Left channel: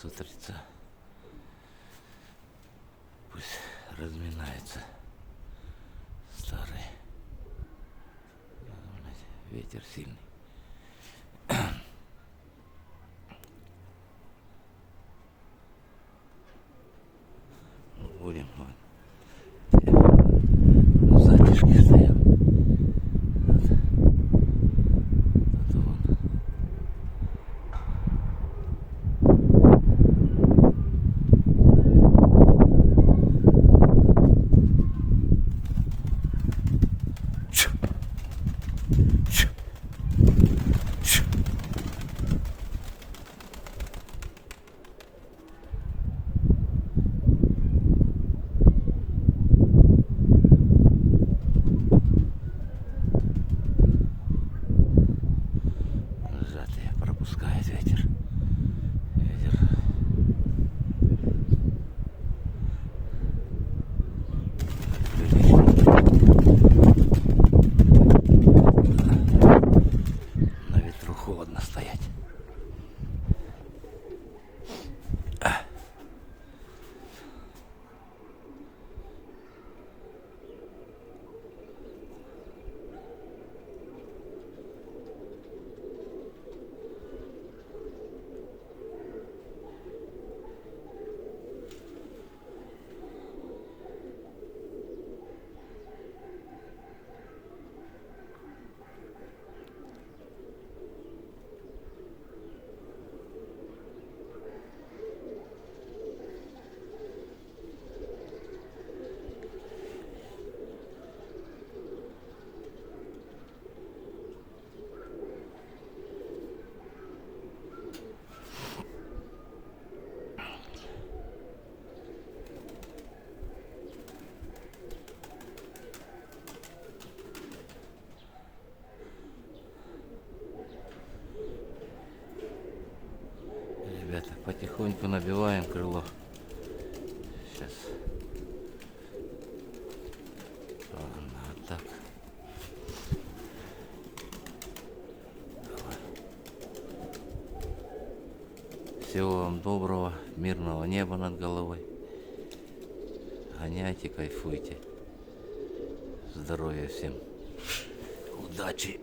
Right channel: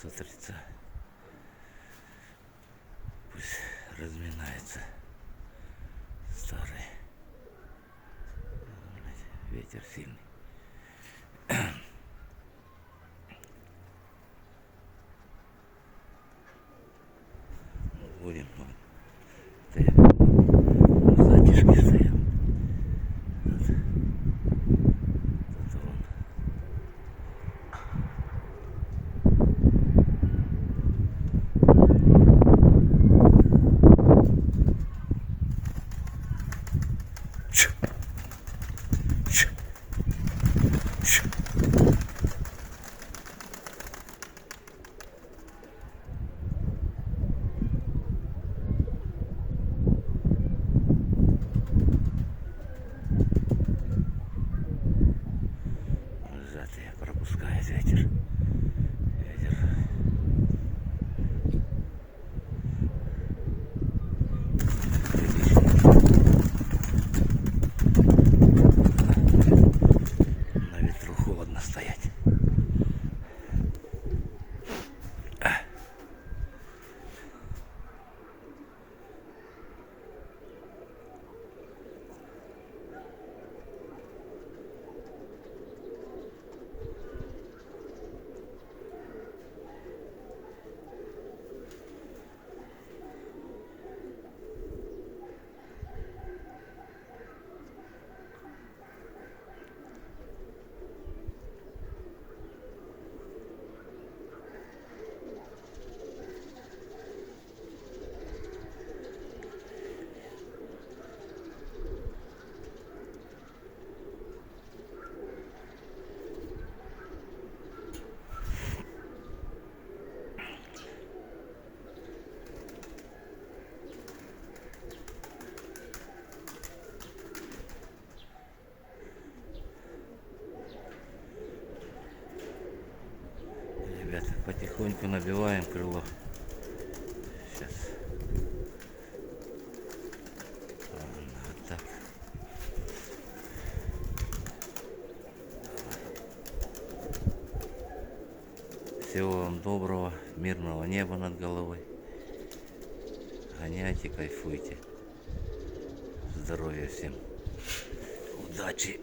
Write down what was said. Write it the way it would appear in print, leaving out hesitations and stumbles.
с утреца. Пусть разминается старый. Ветер сильный. Будем в затишке стоял. Вот. Тут вон. Сжатые пропускает ветер. Ветер. На ветру холодно стоять. Ребята, потихоньку набиваем крыло. Сейчас. Ладно, вот так. Всего вам доброго, мирного неба над головой. Гоняйте, кайфуйте. Здоровья всем. Удачи.